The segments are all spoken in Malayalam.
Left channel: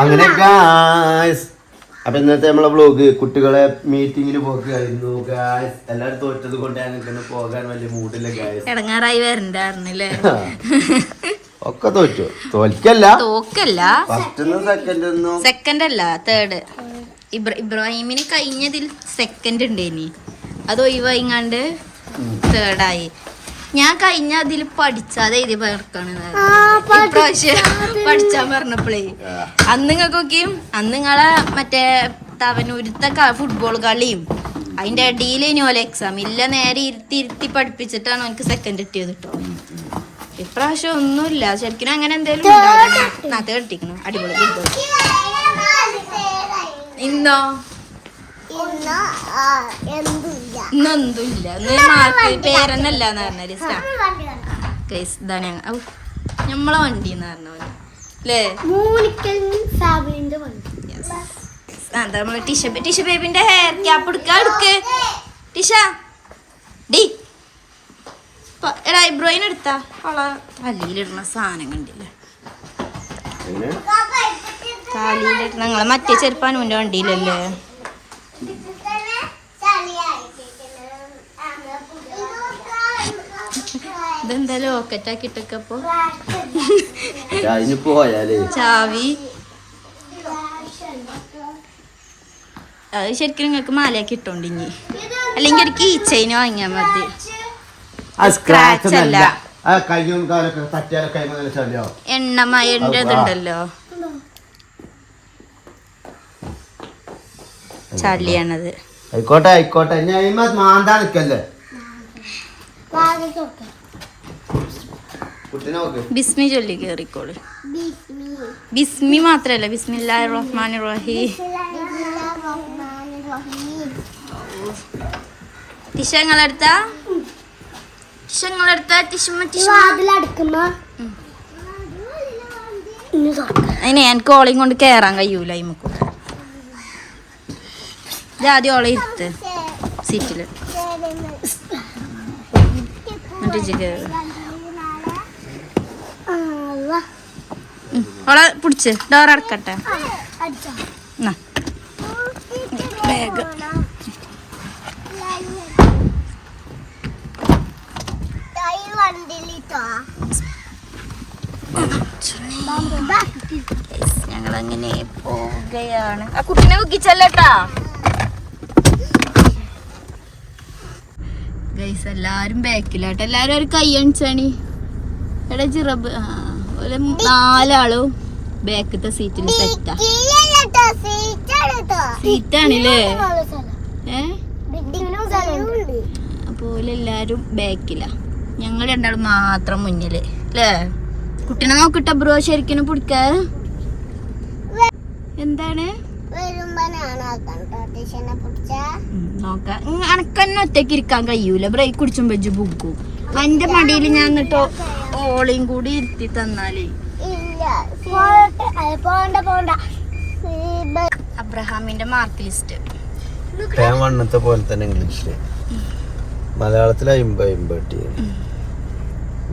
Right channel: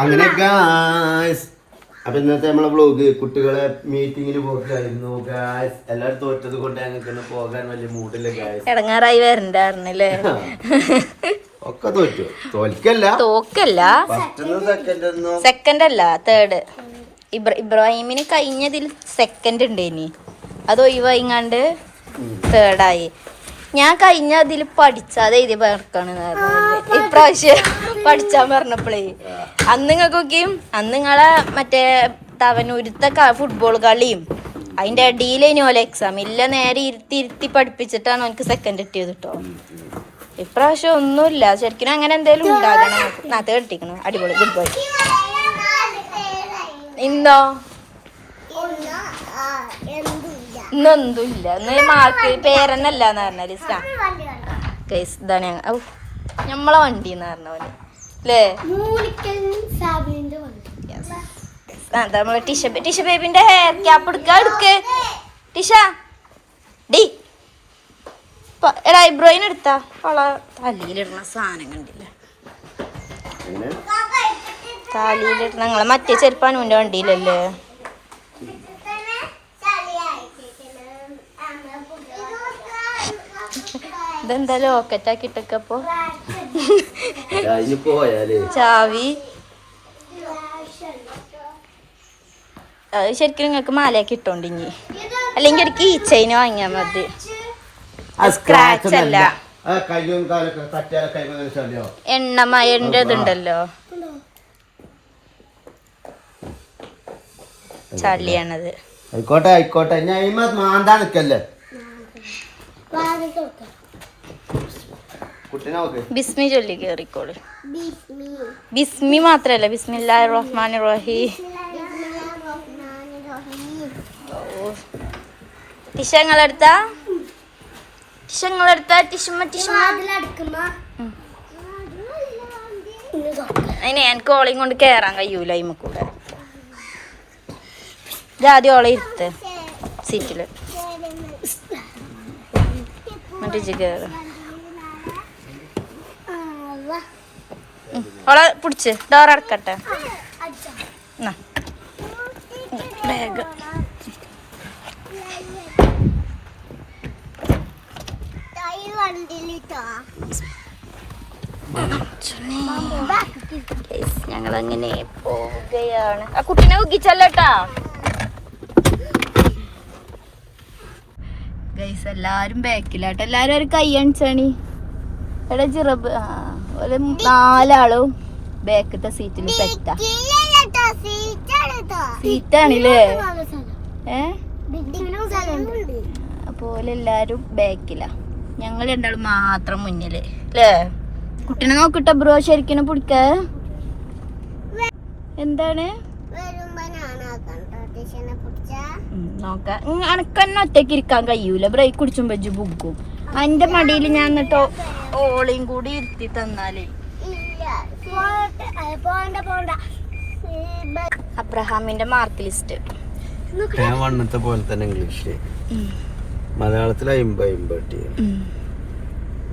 അങ്ങനെ ഗായ്സ്, അപ്പൊ ഇന്നത്തെ നമ്മളെ വ്ളോഗ് കുട്ടികളെ മീറ്റിങ്ങിന് പോകായിരുന്നു ഗായ്സ്. എല്ലാവരും തോറ്റത് കൊണ്ട് ഞങ്ങൾക്ക് പോകാൻ വലിയ മൂഡില്ല ഗായ്സ്. ഇടങ്ങാറായി വരണ്ടായിരുന്നില്ലേ? ഒക്കെ തോറ്റു. തോൽക്കല്ല, സെക്കൻഡ് അല്ല തേർഡ്. ഇബ്രാഹിമിന് കഴിഞ്ഞതിൽ സെക്കൻഡ് ഉണ്ടേനി, അത് ഒഴിവായിങ്ങാണ്ട് തേർഡായി. ഞാൻ കഴിഞ്ഞ അതിൽ പഠിച്ചാതെ എഴുതി പേർക്കാണ്. ഇപ്രാവശ്യം പഠിച്ചാൻ പറഞ്ഞപ്പോഴേ അന്ന് നിങ്ങൾക്കൊക്കെയും അന്ന് നിങ്ങളെ മറ്റേ തവനൂരത്തെ ഫുട്ബോൾ കളിയും അതിന്റെ അടിയിലേനി ഓലെ എക്സാം ഇല്ല. നേരെ ഇരുത്തി പഠിപ്പിച്ചിട്ടാണ് എനിക്ക് സെക്കൻഡ് കിട്ടിയത് കേട്ടോ. ഇപ്രാവശ്യം ഒന്നുമില്ല. ശരിക്കും അങ്ങനെ എന്തേലും ഉണ്ടാകണം. നാത്തെ കെട്ടിക്കണം. അടിപൊളി ഫുട്ബോൾ. ഇന്നോ ഇന്നൊന്നുമില്ല. ഇന്ന് മാർക്ക് പേരെന്നല്ലാന്ന് പറഞ്ഞാല് ഇതാണ് ഞമ്മളെ വണ്ടി എന്ന് പറഞ്ഞ അല്ലേ? നമ്മള് ടിഷ ബേബിന്റെ ഹെയർ ക്യാപ്പ് എടുക്ക് ടിഷ. ഡി എടാ ഐബ്രോയിന് എടുത്താ അവളെ തലയിലിടുന്ന സാധനം കണ്ടില്ല. തലയിലിടണ ഞങ്ങളെ മറ്റേ ചെറുപ്പാനുവിന്റെ വണ്ടിയിലല്ലേ? ഇതെന്താ ലോക്കറ്റാക്കിട്ടൊക്കെപ്പോ ചാവി. അത് ശരിക്കും നിങ്ങൾക്ക് മാലയാക്കി ഇട്ടോണ്ടിഞ്ഞി, അല്ലെങ്കിൽ ഒരു കീ ചെയിൻ വാങ്ങിയാ മതി. സ്ക്രാച്ച് അല്ല, എണ്ണമയന്റെ ഇതുണ്ടല്ലോ, ചളിയാണത്. ആയിക്കോട്ടെ ആയിക്കോട്ടെ, മാന്താ നിക്കല്ലേ. ബിസ്മി ചൊല്ലി കേറിക്കോള്. ബിസ്മി മാത്രല്ല, ബിസ്മില്ലാഹിർ റഹ്മാനിർ റഹീം. ടിഷങ്ങളെടുത്താ അതിനെ എനിക്ക് ഓളയും കൊണ്ട് കേറാൻ കഴിയൂല. ഇമ്മക്കൂടെ ആദ്യം ഓളെ ഇരുത്ത് സീറ്റില്, എന്നിട്ട് കേറ. ഓളെ പിടിച്ച് ഡോർ അടക്കട്ടെ. ബാഗ് ഞങ്ങളങ്ങനെ പോവുകയാണ്. ആ കുട്ടിനെ ഉക്കിച്ചല്ലേട്ടാ ഗൈസ്. എല്ലാരും ബാക്കിലാട്ടെ. എല്ലാരും ഒരു കൈ അണിച്ചാണി. എടാ ചിറബ് നാലാളും ബാക്കത്തെ സീറ്റിൽ സെറ്റാ. സീറ്റാണില്ലേ? അപ്പോലെ എല്ലാരും ബാക്കിലാ. ഞങ്ങൾ രണ്ടാളും മാത്രം മുന്നില് അല്ലേ? കുട്ടീനെ നോക്കിട്ട ബ്രോ ശരിക്കും പിടിക്ക. എന്താണ് നോക്ക? അനക്കന്നെ ഒറ്റയ്ക്ക് ഇരിക്കാൻ കഴിയൂല. ബ്രേക്ക് കുടിച്ചുമ്പോ ബുക്കും. എന്റെ മടിയിൽ ഞാൻ എന്നിട്ടോ ഓളയും കൂടി ഇരുത്തി തന്നാലേ. അബ്രഹാമിന്റെ മാർക്ക് ലിസ്റ്റ് വണ്ണത്തെ പോലെ തന്നെ ഇംഗ്ലീഷില്, മലയാളത്തിൽ 50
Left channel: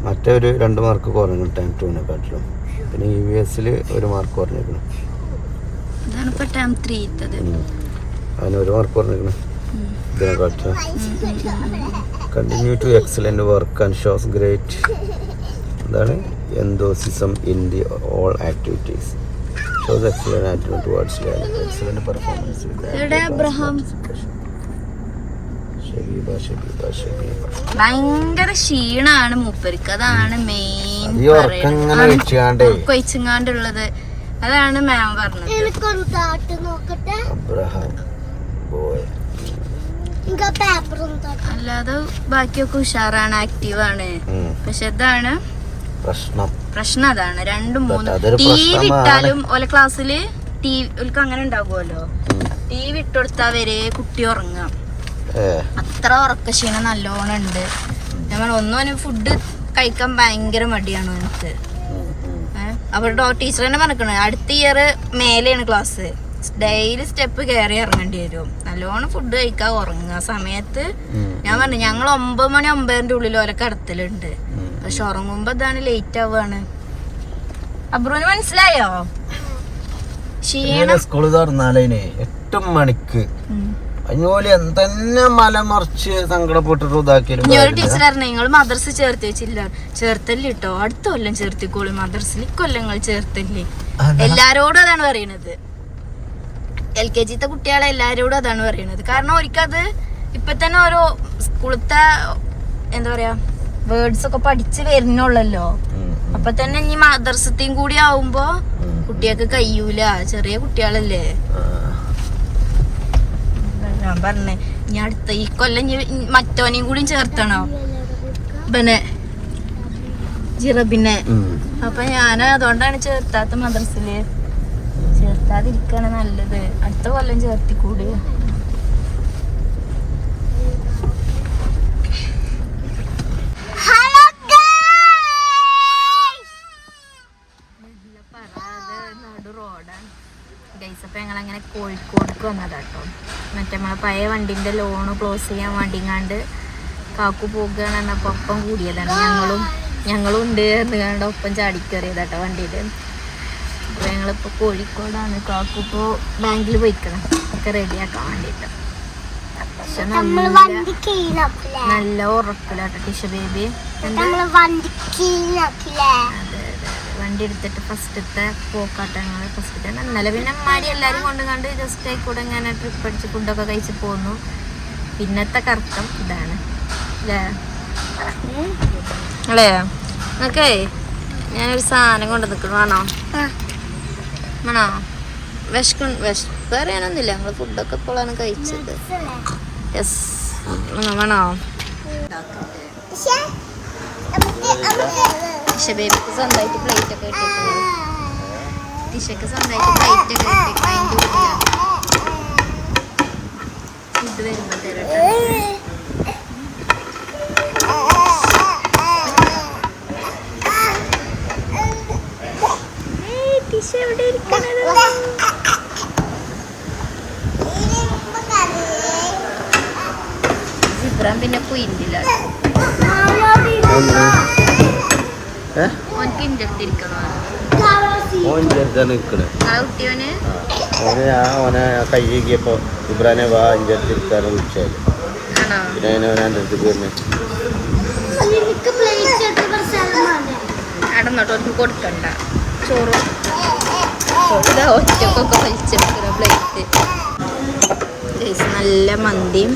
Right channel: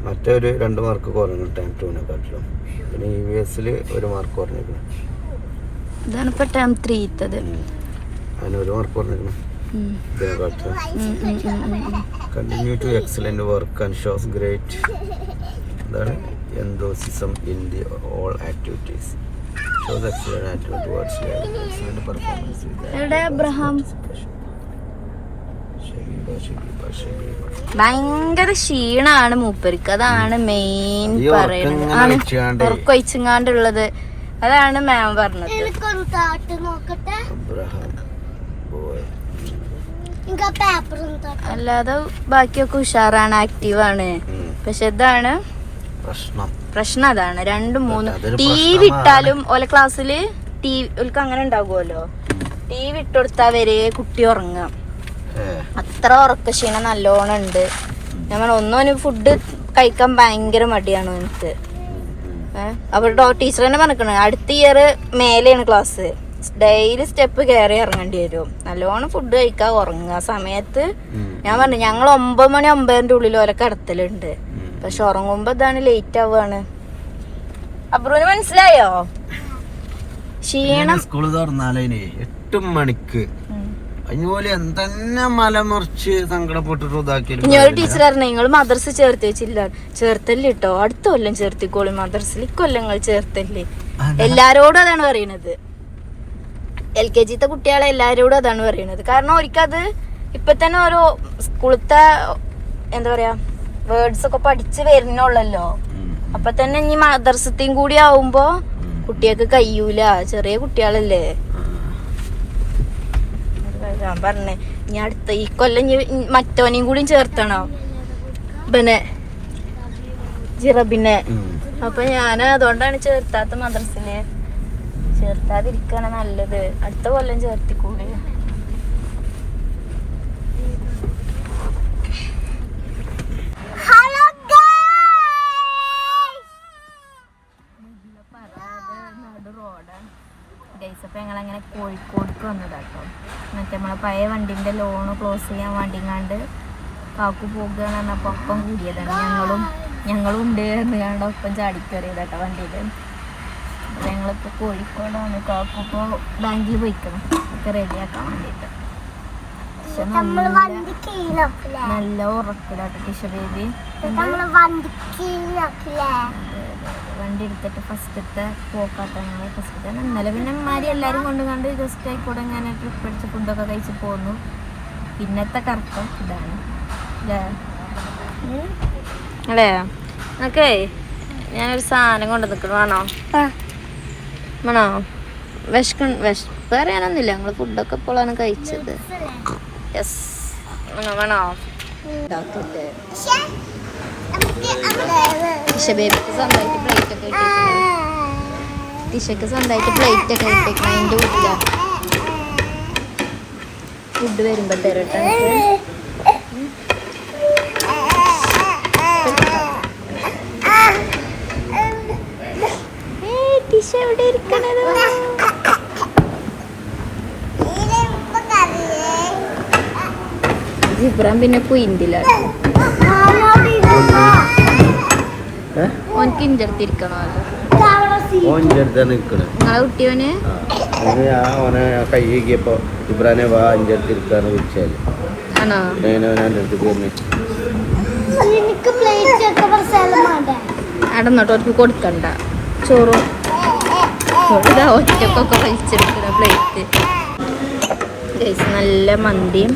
മറ്റൊരു 2 മാർക്ക് കുറഞ്ഞു ടൈം ടൂനെക്കാട്ടിലും. പിന്നെ US 1 മാർക്ക് കുറഞ്ഞേക്കണം. അതിന് 1 മാർക്ക് കുറഞ്ഞേക്കണം ഇതിനെക്കാട്ടിലും. Continue to excellent work and shows great എന്താണ് enthusiasm in the all activities. Shows excellent attitude towards learning. Excellent performance. Abraham ഭയങ്കര ക്ഷീണാണ് മൂപ്പർക്ക്. അതാണ് മെയിൻ ഉറക്കൊഴിച്ചുങ്ങാണ്ടുള്ളത്. അതാണ് മാം പറഞ്ഞത്. അല്ലാതെ ബാക്കിയൊക്കെ ഉഷാറാണ്, ആക്റ്റീവാണ്. പക്ഷെ ഇതാണ് പ്രശ്നം. അതാണ് 2, 3 TV ഇട്ടാലും ഓലെ ക്ലാസ്സില് ഓൽക്ക് അങ്ങനെ ഉണ്ടാകുമല്ലോ. TV ഇട്ടുകൊടുത്താ വരെ കുട്ടി ഉറങ്ങാം. അത്ര ഉറക്കക്ഷീണം നല്ലോണം ഉണ്ട്. ഞാൻ ഒന്നും ഫുഡ് കഴിക്കാൻ ഭയങ്കര മടിയാണ് എനിക്ക്. അപ്പൊ ടീച്ചർ തന്നെ പറഞ്ഞിരിക്കണ അടുത്ത ഇയർ മേലെയാണ് ക്ലാസ്. ഡെയിലി സ്റ്റെപ്പ് കയറി ഇറങ്ങേണ്ടി വരും. നല്ലോണം ഫുഡ് കഴിക്കാൻ ഉറങ്ങുക സമയത്ത്. ഞാൻ പറഞ്ഞു ഞങ്ങൾ 9 മണി 9ന്റെ ഉള്ളിൽ ഓലെ കിടത്തലുണ്ട്. പക്ഷെ ഉറങ്ങുമ്പോ ഇതാണ് ലേറ്റ് ആവുകയാണ്. അബ്രുവിന് മനസ്സിലായോ? സ്കൂള് തുറന്നാലേ 8 മണിക്ക് അതിനുപോലെ എന്തെന്നെ മലമറിച്ച് സങ്കടപ്പെട്ടിട്ട് ഇതാക്കിയാലും ടീച്ചർ പറഞ്ഞു നിങ്ങൾ മദ്രസ ചേർത്തില്ല ചേർത്തല്ലേ കേട്ടോ അടുത്ത കൊല്ലം ചേർത്തിക്കോളും മദ്രസിൽ ഇക്കൊല്ലങ്ങൾ ചേർത്തല്ലേ. എല്ലാരോടും അതാണ് പറയണത്. LKG കുട്ടികളെ എല്ലാരോടും അതാണ് പറയണത്. കാരണം ഒരിക്കത് ഇപ്പൊ തന്നെ ഓരോ സ്കൂളത്തെ എന്താ പറയാ വേർഡ്സ് ഒക്കെ പഠിച്ച് വരുന്നുള്ളല്ലോ. അപ്പൊ തന്നെ ഇനി മദ്രസത്തെയും കൂടി ആവുമ്പോ കുട്ടികൾക്ക് കഴിയൂല, ചെറിയ കുട്ടികളല്ലേ. ഞാൻ പറഞ്ഞേ ഇനി അടുത്ത ഈ കൊല്ലം മറ്റോനെയും കൂടി ചേർത്തണോ ജിറബിനെ. അപ്പൊ ഞാൻ അതുകൊണ്ടാണ് ചേർത്താത്ത മദ്രസില്. ചേർത്താതിരിക്കാണ് നല്ലത്. അടുത്ത കൊല്ലം ചേർത്തിക്കൂടി. അപ്പൊ ഞങ്ങളങ്ങനെ കോഴിക്കോടേക്ക് വന്നതാട്ടോ. മറ്റേ നമ്മളെ പഴയ വണ്ടിന്റെ ലോണ് ക്ലോസ് ചെയ്യാൻ വേണ്ടിങ്ങാണ്ട് കാക്കു പോകുകയാണ് പറഞ്ഞപ്പോ ഒപ്പം കൂടിയതാണ്. ഞങ്ങളും ഉണ്ട് എന്നുകൊണ്ട് ഒപ്പം ചാടിക്കേറിയതാട്ടോ വണ്ടിയില്. അപ്പൊ ഞങ്ങളിപ്പോ കോഴിക്കോടാണ്. കാക്കു ഇപ്പോ ബാങ്കിൽ പോയിക്കണം ഒക്കെ റെഡിയാക്കാൻ വേണ്ടിട്ട്. പക്ഷെ നല്ല ഉറക്കില്ലാട്ടോ ടിഷ ബേബി. അതെ വണ്ടി എടുത്തിട്ട് ഫസ്റ്റത്തെ പോക്കാട്ടങ്ങൾ ഫസ്റ്റത്തെ ഇന്നലെ പിന്നെ അമ്മാരി എല്ലാരും കൊണ്ട് കണ്ട് ജസ്റ്റ് ആയിക്കൂടെ ഇങ്ങനെ ട്രിപ്പ് അടിച്ച് ഫുഡൊക്കെ കഴിച്ച് പോന്നു. പിന്നത്തെ കറക്കം ഇതാണ് അല്ലേ. ഓക്കേ ഞാനൊരു സാധനം കൊണ്ട് നിൽക്കണം. വേണോ വേണോ? വിശപ്പ് അറിയാനൊന്നുമില്ല. നമ്മള് ഫുഡൊക്കെ ഇപ്പോഴാണ് കഴിച്ചത്. യെസ് വേണോ? ബേബിക്ക് സ്വന്തമായിട്ട് പ്ലേറ്റ് ഒക്കെ ഇട്ടിട്ടുണ്ട്. ടിഷക്ക് സ്വന്തമായിട്ട് പ്ലേറ്റ് ഒക്കെ ഇട്ടേക്കണം. അതിൻ്റെ വീട്ടില ഫുഡ് വരുമ്പോ തരട്ടെ. ടിഷ എവിടെ ഇരിക്കണത്? ജിബ്രാൻ പിന്നെ കുയിന്തില്ല. ഓനക്ക് ഇഞ്ചർത്തിരിക്കണോ? കുട്ടിയോന് ഓനെ കൈ കീകിയപ്പോ ഇബ്രാനെ വാ ഇഞ്ചർത്തിരിക്കാറ് വിളിച്ചാല് അടന്നോട്ടോ അവർക്ക് കൊടുക്കണ്ട. ചോറും പ്ലേറ്റ് നല്ല മന്തിയും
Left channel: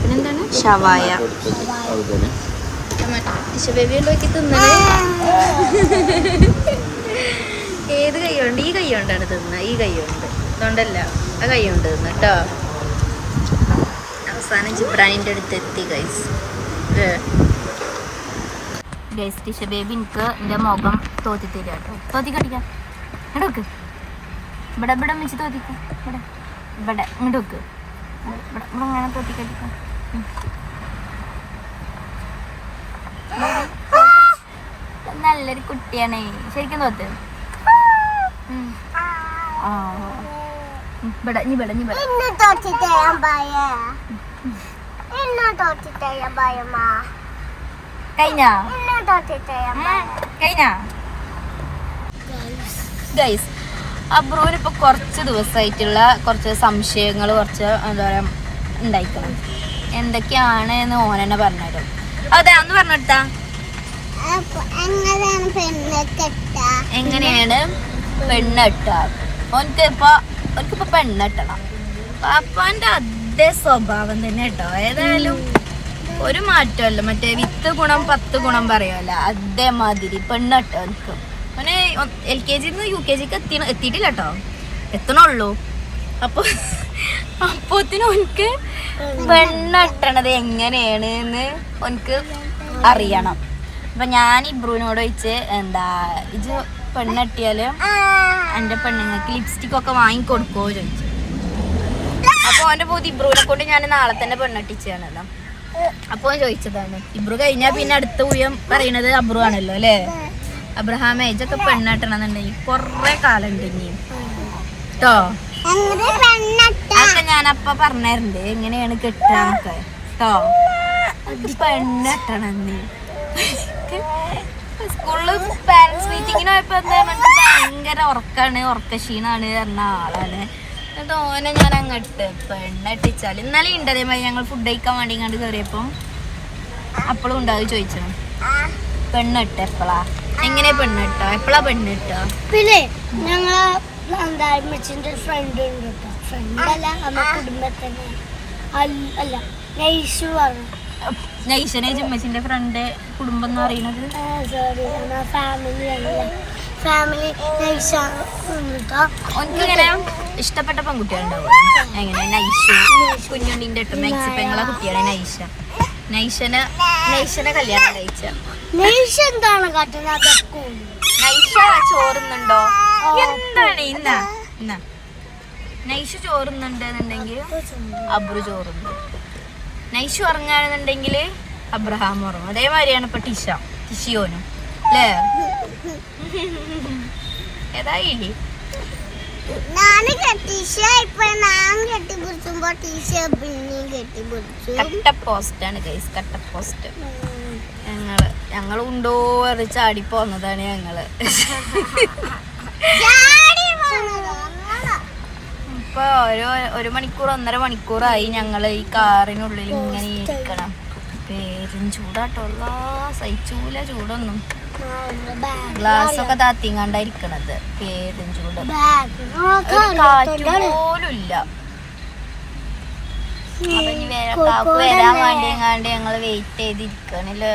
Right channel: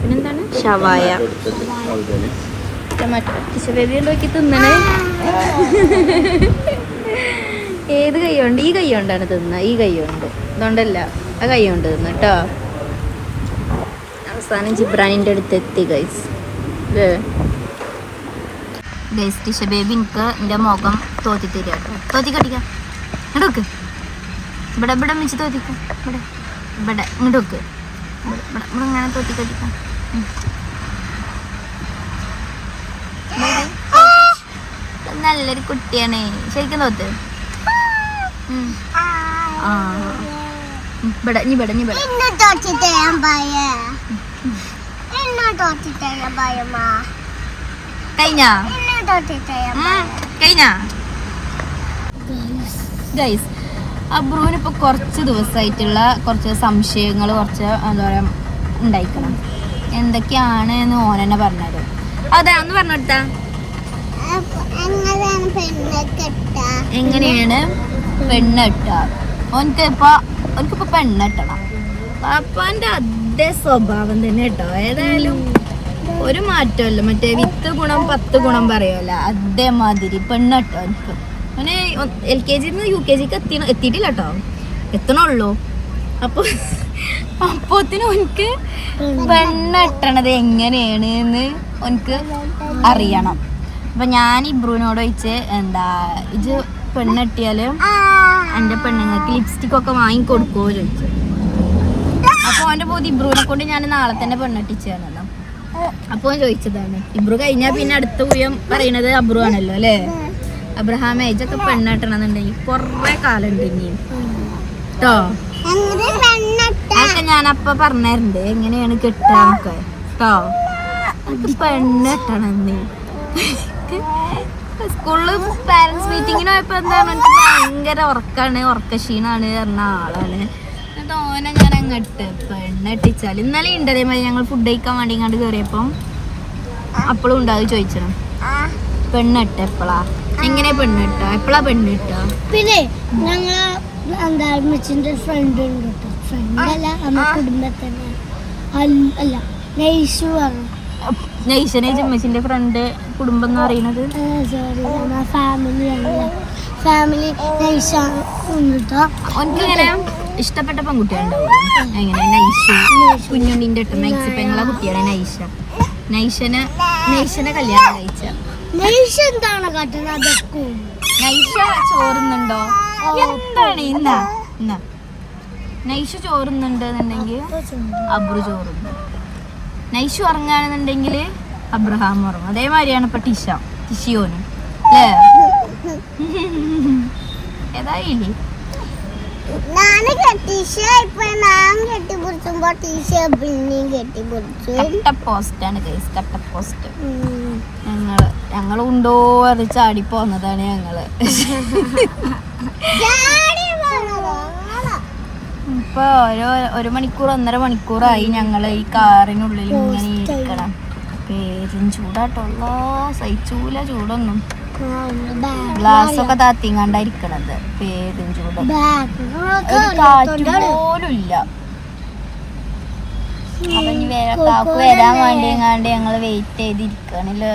പിന്നെന്താണ് ഷവായ. ഏത് കൈയുണ്ട്? ഈ കൈ കൊണ്ടാണ് തിന്നുന്നത്. ഈ കൈ കൊണ്ട് അതുകൊണ്ടല്ല ആ കൈ കൊണ്ട് തിന്നു കേട്ടോ. അവസാനം ജിബ്രാനിൻ്റെ അടുത്ത് എത്തി ഗൈസ്. ഗൈസ് ടിഷ ബേബി എനിക്ക് എൻ്റെ മുഖം തോത്തി തരിക കേട്ടോ. തോത്തി കട്ടിക്കാം ഇങ്ങോട്ട് വെക്ക്. ഇവിടെ ഇവിടെ വെച്ച് തോത്തിക്കാം. ഇവിടെ ഇവിടെ ഇങ്ങോട്ട് വെക്ക്. ഇവിടെ ഇവിടെ ഇങ്ങനെ തോത്തി കട്ടിക്കാം. നല്ലൊരു കുട്ടിയാണ് ശരിക്കും തോത്ത്. ഇവിടെ നീ ഇവിടെ നീ ഇവിടെ കഴിഞ്ഞാ കഴിഞ്ഞാ ഗൈസ്. അബ്രുവിനിപ്പോൾ കുറച്ച് ദിവസമായിട്ടുള്ള കുറച്ച് സംശയങ്ങൾ കുറച്ച് എന്താ പറയുക ഉണ്ടായിക്കണം. എന്തൊക്കെയാണ് എന്ന് ഓൻ തന്നെ പറഞ്ഞുതരും. അതെ ഒന്ന് പറഞ്ഞെടുത്താ എങ്ങനെയാണ് പെണ്ണെട്ട. ഓനിക്കിപ്പോ പെണ്ണെട്ടണം. പാപ്പാന്റെ അതേ സ്വഭാവം തന്നെ കേട്ടോ. ഏതായാലും ഒരു മാറ്റമല്ല. മറ്റേ 10 ഗുണം 10 ഗുണം പറയുമല്ലോ അതേമാതിരി പെണ്ണെട്ടോ എനിക്ക്. അവന് LKG UKG എത്തിയിട്ടില്ല കേട്ടോ. എത്തണുള്ളൂ. അപ്പോത്തിന് ഓനിക്ക് പെണ്ണെട്ടണത് എങ്ങനെയാണ് എന്ന് ഓനിക്ക് അറിയണം. അപ്പൊ ഞാൻ ഇബ്രുവിനോട് ചോദിച്ച് എന്താ ഇത് പെണ്ണെട്ടിയാല് എൻ്റെ പെണ്ണുങ്ങൾക്ക് ലിപ്സ്റ്റിക് ഒക്കെ വാങ്ങിക്കൊടുക്കുമോ ചോദിച്ചു. അപ്പൊ അവന്റെ പോയി ഇബ്രുവിനെ കൊണ്ട് ഞാൻ നാളെ തന്നെ പെണ്ണെട്ടിച്ചാണല്ലോ. അപ്പൊ ചോദിച്ചതാണ്. ഇബ്രു കഴിഞ്ഞാൽ പിന്നെ അടുത്ത ഊയം പറയണത് അബ്രു ആണല്ലോ അല്ലേ. അബ്രഹാം ഏജൊക്കെ പെണ്ണെട്ടണമെന്നുണ്ടെങ്കിൽ കൊറേ കാലം ഉണ്ട് ഇനിയും കേട്ടോ. അതൊക്കെ ഞാനപ്പ പറഞ്ഞിട്ടുണ്ട് എങ്ങനെയാണ് കെട്ടാന്നൊക്കെ കേട്ടോ. പെണ്ണെട്ടണെന്ന് സ്കൂളില് പാരന്റ്സ് മീറ്റിംഗ് ഷോപ്പിങ്ങിന് പോയപ്പോ എന്താണ് എനിക്ക് ഭയങ്കര ഉറക്കക്ഷീണാണ് പറഞ്ഞ ആളാണ്. എന്നിട്ട് ഓനെ ഞാൻ അങ്ങട്ട് പെണ്ണെട്ടിച്ചാല് ഇന്നലെ ഉണ്ട് അതേമാതിരി ഞങ്ങൾ ഫുഡ് കഴിക്കാൻ വേണ്ടി കണ്ട് കയറിയപ്പോ അപ്പളും ഉണ്ടാവും ചോദിച്ചണം പെണ്ണിട്ട് എപ്പളാ എങ്ങനെ പെണ്ണിട്ടോ എപ്പളാ പെണ്ണിട്ടോ. പിന്നെ ഞങ്ങള് എന്താ അമ്മച്ചിന്റെ ഫ്രണ്ട് ഉണ്ട് കേട്ടോ. ഫ്രണ്ട് അല്ല നമ്മ കുടുംബത്തന്നെ അല്ല നൈഷു പറഞ്ഞു. നൈഷനെ അമ്മച്ചിന്റെ ഫ്രണ്ട് കുടുംബം എന്ന് പറയുന്നത് സോറി നമ്മളെ ഫാമിലി നൈഷ കേട്ടോ. ഒന്നിങ്ങനെ ഇഷ്ടപ്പെട്ട പെൺകുട്ടികളുണ്ടാവും. എങ്ങനെ നൈഷു കുഞ്ഞുണ്ണിന്റെ ഇട്ട മാക്സി പെങ്ങളെ കുട്ടിയാണ് നൈഷ. നൈഷനെ കല്യാണം കഴിച്ച നൈഷ എന്താണ് കാട്ടുന്നത്? നൈഷ ചോറുന്നുണ്ടോ എന്താണ് ഇന്നാ നൈഷ ചോറുന്നുണ്ട് എന്നുണ്ടെങ്കിൽ അബ്രു ചോറുന്നു. നൈഷു ഉറങ്ങാണെന്നുണ്ടെങ്കിൽ അബ്രഹാം ഉറങ്ങും. അതേമാതിരിയാണ് ഇപ്പൊ ടിഷിയോനും അല്ലേ? ഏതായില്ലേ കട്ടപ്പോസ്റ്റാണ് ഗൈസ്. കട്ടപ്പോസ്റ്റ് ഞങ്ങള് ഉണ്ടോ അത് ചാടി പോന്നതാണ് ഞങ്ങള്. ഇപ്പൊ ഒരു മണിക്കൂർ 1.5 മണിക്കൂറായി ഞങ്ങള് ഈ കാറിനുള്ളിൽ ഇങ്ങനെ ഇരിക്കണം. പേരും ചൂടാട്ടോ, സഹിച്ചൂല ചൂടൊന്നും. ഗ്ലാസ് ഒക്കെ താത്തിങ്ങാണ്ടായിരിക്കണത്. പേരും ചൂട്, ഒരു കാറ്റ് പോലും ഇല്ല. അപ്പൊ ഇനി കാക്ക് വരാൻ വേണ്ടിങ്ങാണ്ട് ഞങ്ങള് വെയിറ്റ് ചെയ്തിരിക്കണല്ലോ.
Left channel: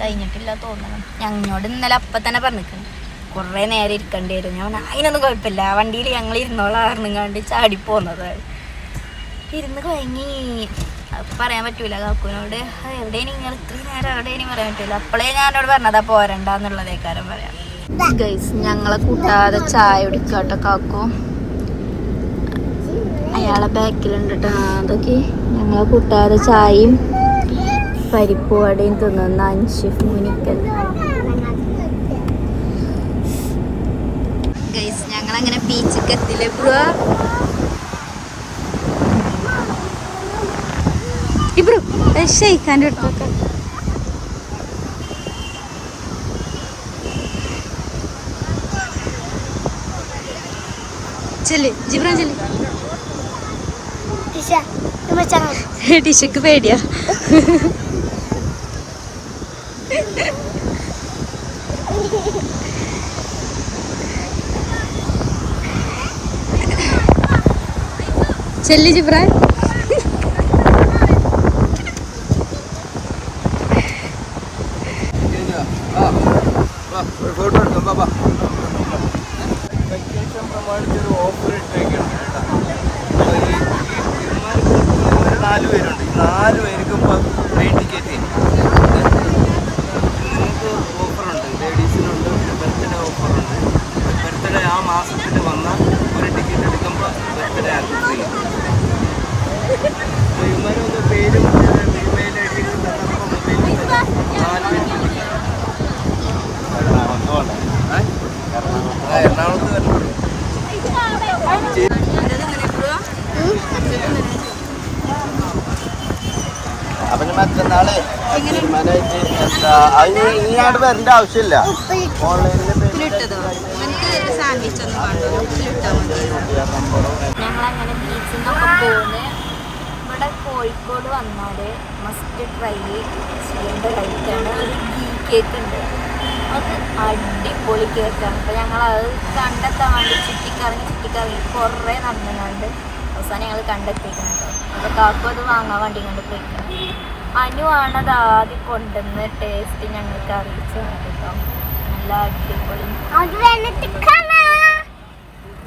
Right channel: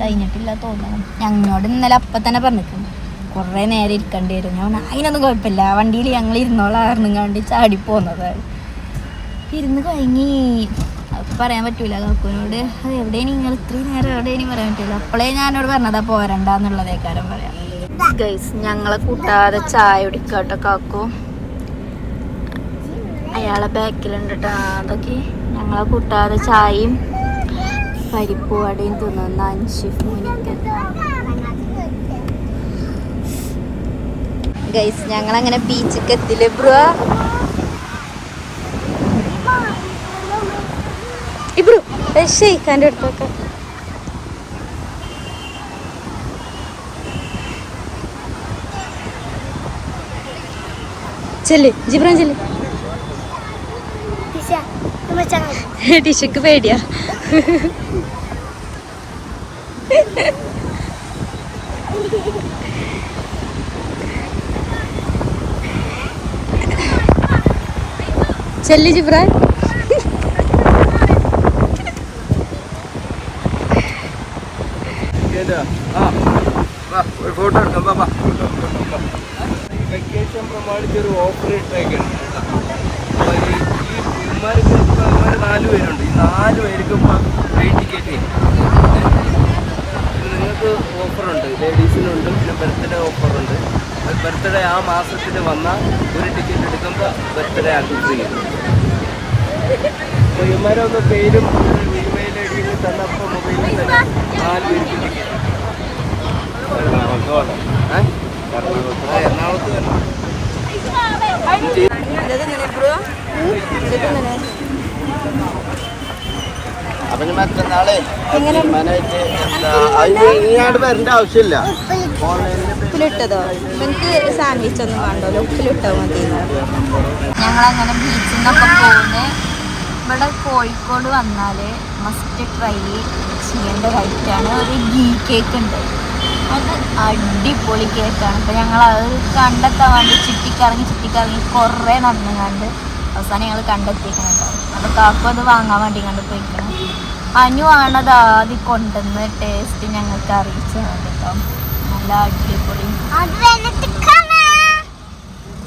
കഴിഞ്ഞിട്ടില്ല തോന്നണം. ഞങ്ങളോട് ഇന്നലെ അപ്പൊ തന്നെ പറഞ്ഞിരിക്കണം കൊറേ നേരം ഇരിക്കേണ്ടി വരും. ഞാൻ അതിനൊന്നും കുഴപ്പമില്ല, വണ്ടിയിൽ ഞങ്ങൾ ഇരുന്നോളാർന്നുങ്ങാണ്ട് ചാടി പോന്നതാണ്. ഇരുന്ന് കഴിഞ്ഞി പറയാൻ പറ്റൂല കാക്കുവിനോട്. എവിടെ നിങ്ങൾ ഇത്രയും നേരം എവിടെയും പറയാൻ പറ്റൂല. അപ്പോഴേ ഞാനോട് പറഞ്ഞതാ പോരണ്ടെന്നുള്ളതേക്കാരം പറയാം. ഗൈസ് ഞങ്ങളെ കൂട്ടാതെ ചായ കുടിക്കാട്ടോ കാക്കു. അയാളെ ബാക്കിലുണ്ട് കേട്ടോ. അതൊക്കെ ഞങ്ങളെ കൂട്ടാതെ ചായയും പരിപ്പ് വടയും തിന്നുന്ന അൻഷിഫ് മുനിക്കൽ. ഗൈസ് ഞങ്ങളങ്ങനെ ബീച്ചിക്ക് എത്തില്ലേ ബ്രോ? ഇബ്രു ഷെയ്ഖാൻ്റെ അടുത്തൊക്കെ ചെല്ല് ജിബ്രാൻ ചെല്ല്. ടിഷക്ക് പേടിയാ. ചെല്ല് ജിബ്രാൻ. വെക്കേഷൻ പ്രമാണിച്ചൊരു ഓഫർ ഇട്ടേക്കാണ് കേട്ടോ. ഈ 4 പേരുണ്ട്. ഈ 4 പേർക്കും ഇപ്പോൾ ഫ്രീ ടിക്കറ്റ് നിങ്ങൾക്ക് ഓഫറുണ്ട്. ലേഡീസിനുണ്ട്, പിന്നെ ബർത്ത്ഡേ ഓഫറുണ്ട്. ബർത്ത്ഡേ ആ മാസത്തിൽ വന്നാൽ ഒരു ടിക്കറ്റ് എടുക്കുമ്പോൾ ബർത്ത്ഡേ ആക്കി ഫ്രീ കിട്ടും. ഇവന്മാരൊന്ന് പേരും ഇമെയിൽ ഐ ഡിയും തന്നപ്പോൾ മൊബൈലിൽ തന്നെ 4 പേർക്കും ടിക്കറ്റ്. എറണാകുളത്ത് തന്നെ അതങ്ങനെ അത്ര നാളെ ഇങ്ങോട്ട് വരേണ്ട ആവശ്യമില്ല. ഉപ്പിലിട്ടതോ? എനിക്ക് സാൻഡ്വിച്ച് ഒന്നും വേണ്ടല്ലോ, ഉപ്പിലിട്ടോ മതി. ഞങ്ങളങ്ങനെ ബീച്ചിൽ നിന്നൊക്കെ പോകുന്നത്. ഇവിടെ കോഴിക്കോട് വന്നാൽ മസ്റ്റ് ട്രൈ ചെയ്യേണ്ട ഒരു ഐറ്റമാണ് ഒരു ഗീ കേക്ക് ഉണ്ട്. അത് അടിപൊളി കേക്കാണ്. അപ്പോൾ ഞങ്ങളത് കണ്ടെത്താൻ വേണ്ടി ചുറ്റിക്കറങ്ങി കുറേ നടന്നുകൊണ്ട് അവസാനം ഞങ്ങൾ കണ്ടെത്തിയിരിക്കണം കേട്ടോ. അപ്പോൾ കാക്കും അത് വാങ്ങാൻ വേണ്ടി കണ്ട് പോയിക്കണം. അനു ആണത് ആദ്യം കൊണ്ടുവന്ന് ടേസ്റ്റ് ഞങ്ങൾക്ക് അറിയിച്ചാണ് കേട്ടോ. നല്ല അടിപൊളി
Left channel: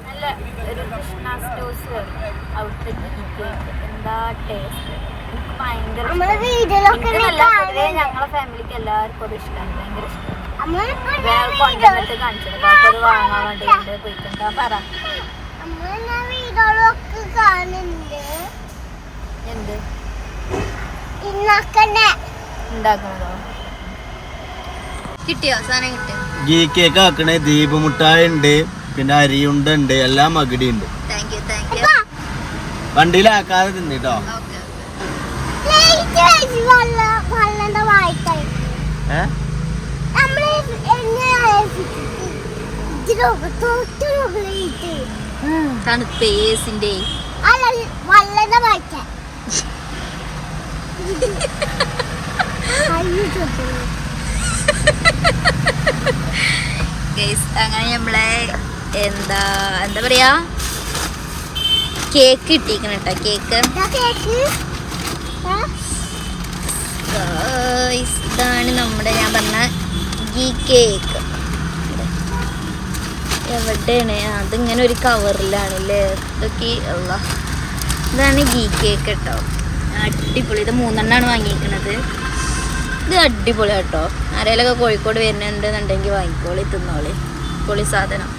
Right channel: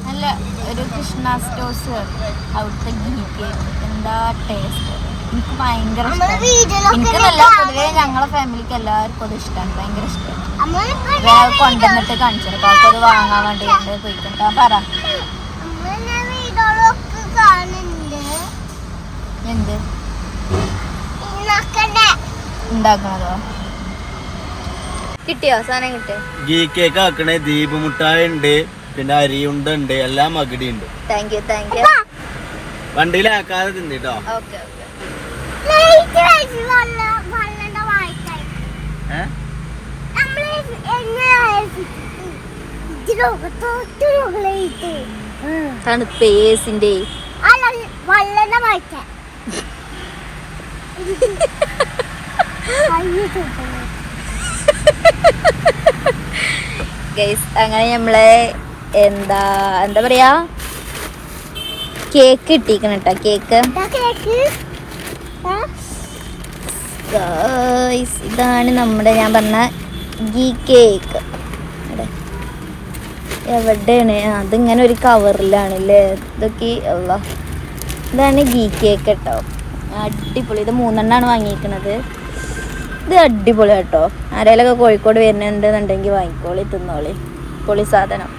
നല്ല ഒരു കൃഷ്ണ സ്റ്റോഴ്സ് വരും അവിടുത്തെ ഗീ കേക്ക്. എന്താ ടേസ്റ്റ്, എനിക്ക് ഭയങ്കര ഇഷ്ടമാണ്. എനിക്കെന്നല്ല, പൊതുവേ ഞങ്ങളെ ഫാമിലിക്ക് എല്ലാവർക്കും അത് ഇഷ്ടമാണ്, ഭയങ്കര ഇഷ്ടമാണ്. കൊണ്ടുവന്നിട്ട് കാണിച്ചത് കാക്കും അത് വാങ്ങാൻ വേണ്ടി കണ്ട് പോയിക്കണ്ടാ. പറ എന്ത് ഉണ്ടാക്കണതോ? കിട്ടിയോ സാധനം? കിട്ടിയോ? ഗീ കേക്ക് ആക്കണേ. ദീപ് മുട്ടായി ഉണ്ട്, പിന്നെ അരിയുണ്ട ഉണ്ട്, എല്ലാം മകടി ഉണ്ട്. Thank you. വണ്ടിയിലാക്കാതെ തിന്നിട്ടോ. ഓക്കെ. തണുപ്പേസിന്റെ ഗൈസ് അങ്ങനെ നമ്മള് എന്താ പറയാ കേക്ക് ഇട്ടിരിക്കണം കേട്ടോ. കേക്ക് ഗൈസ് ഇതാണ് നമ്മുടെ ഞാൻ പറഞ്ഞ ഗീ കേക്ക്. എവിടെയാണ് അതിങ്ങനെ ഒരു കവറിലാണല്ലേ ഇതൊക്കെ ഉള്ള. ഇതാണ് ഗീ കേക്ക് കേട്ടോ. അടിപൊളി. ഇത് 3 എണ്ണമാണ് വാങ്ങിയിരിക്കണത്. ഇത് അടിപൊളി കേട്ടോ. ആരെങ്കിലൊക്കെ കോഴിക്കോട് വരുന്നുണ്ടെന്നുണ്ടെങ്കിൽ വാങ്ങിക്കോളി, തിന്നോളി. പൊളി സാധനം.